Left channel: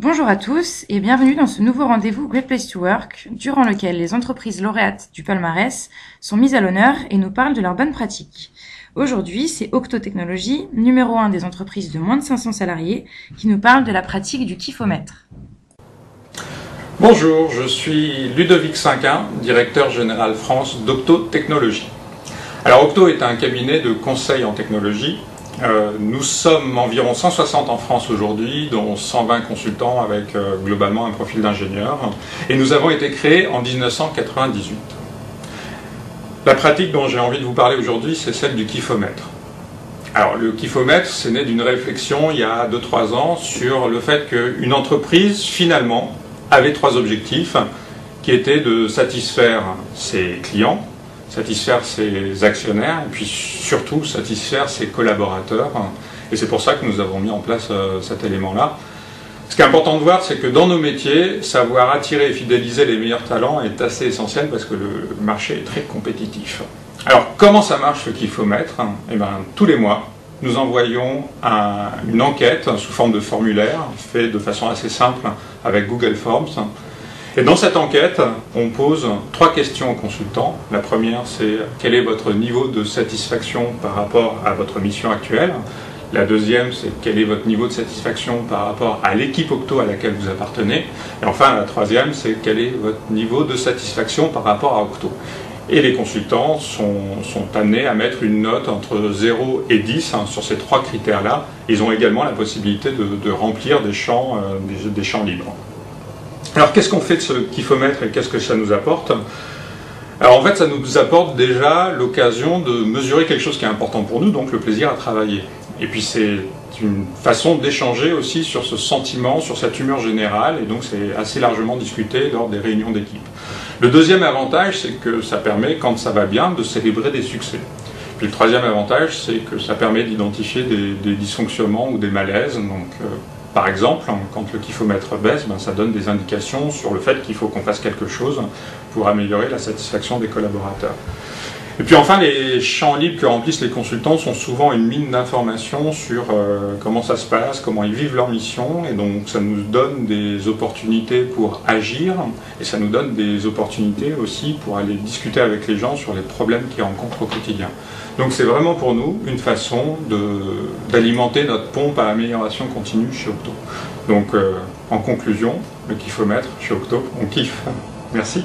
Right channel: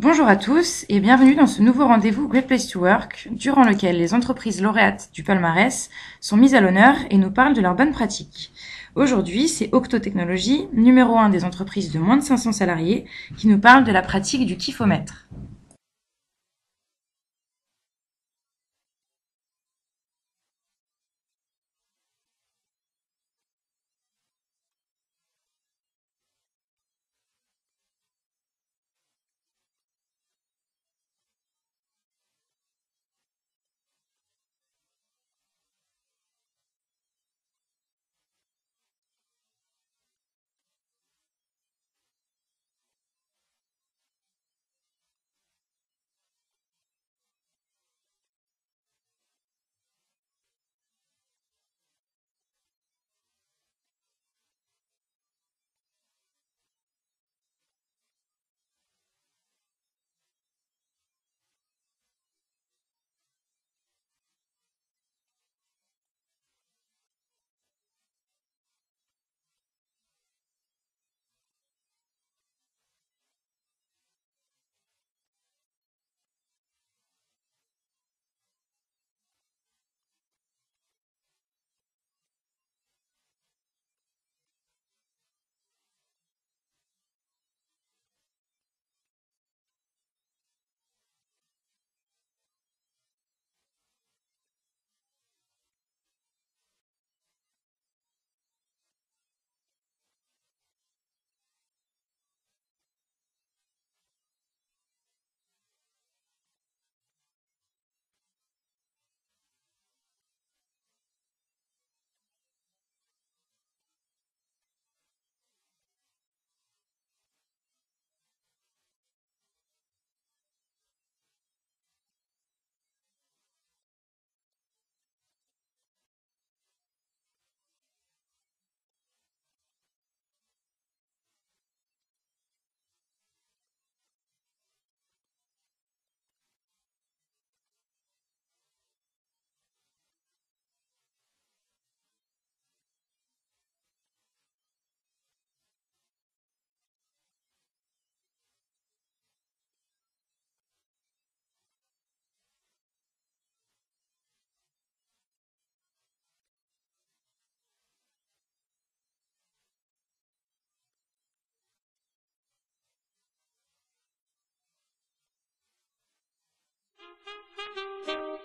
Bonjour à tous et bienvenue dans ce nouveau rendez-vous Great Place to Work, durant lequel les entreprises lauréates du palmarès sont mises à l'honneur et nous parlent de leurs bonnes pratiques. Aujourd'hui, c'est Octo Technologies, numéro 1 des entreprises de moins de 500 salariés, qui nous parle de la pratique du kifomètre. Bonjour, je suis Ludovic Cinquin, directeur général France d'Octo Technologies. Alors Octo est un cabinet de conseil en technologie. Nous sommes environ 160 en France aujourd'hui, dont 120 consultants avec globalement un profil d'ingénieur. Et nous avons été créés en 1998. La pratique dont j'ai envie de vous parler aujourd'hui, c'est celle du kifomètre. Alors le kifomètre, c'est né d'une réflexion il y a 2-3 ans sur le fait qu'une entreprise, finalement, avait 3 objectifs qui étaient de satisfaire ses clients, satisfaire ses actionnaires et puis surtout satisfaire ses collaborateurs. Et c'est pour ça que nous avons mis en place cet élément-là. Ce qui est important de voir, c'est que dans nos métiers, savoir attirer et fidéliser les meilleurs talents est assez essentiel parce que le marché est très compétitif. Alors comment ça marche ce kifomètre? Eh bien, tous les mois, nous envoyons une enquête sous forme de formulaire, fait de façon assez simple avec Google Forms. Et dans cette enquête, on pose 3 questions aux consultants. La première, c'est quel est votre niveau de satisfaction par rapport à votre mission actuelle? La deuxième, c'est quel est votre niveau de satisfaction par rapport à l'équipe Octo à laquelle vous appartenez? Et enfin, la troisième, c'est quel est votre niveau de satisfaction par rapport à Octo? Et les consultants sont amenés à mettre une note entre 0 et 10 sur ces 3 critères-là. Ils ont également la possibilité de remplir des champs libres. Alors qu'est-ce qu'on fait de ce kifomètre et qu'est-ce que ça nous apporte? Alors en fait ça nous apporte déjà l'occasion de mesurer quelque chose qui est important pour nous, donc le plaisir à travailler. Et puis c'est une façon d'échanger aussi sur ce sentiment, sur cette humeur générale, et donc c'est assez largement discuté lors des réunions d'équipe. Le deuxième avantage, c'est que ça permet, quand ça va bien, de célébrer des succès. Puis le troisième avantage, c'est que ça permet d'identifier des dysfonctionnements ou des malaises. Donc, par exemple, quand le kifomètre baisse, ça donne des indications sur le fait qu'il faut qu'on fasse quelque chose pour améliorer la satisfaction des collaborateurs. Et puis enfin, les champs libres que remplissent les consultants sont souvent une mine d'informations sur comment ça se passe, comment ils vivent leur mission, et donc ça nous donne des opportunités pour agir, et ça nous donne des opportunités aussi pour aller discuter avec les gens sur les problèmes qu'ils rencontrent au quotidien. Donc c'est vraiment pour nous une façon d'alimenter notre pompe à amélioration continue chez Octo. Donc en conclusion, le kifomètre chez Octo, on kiffe. Merci.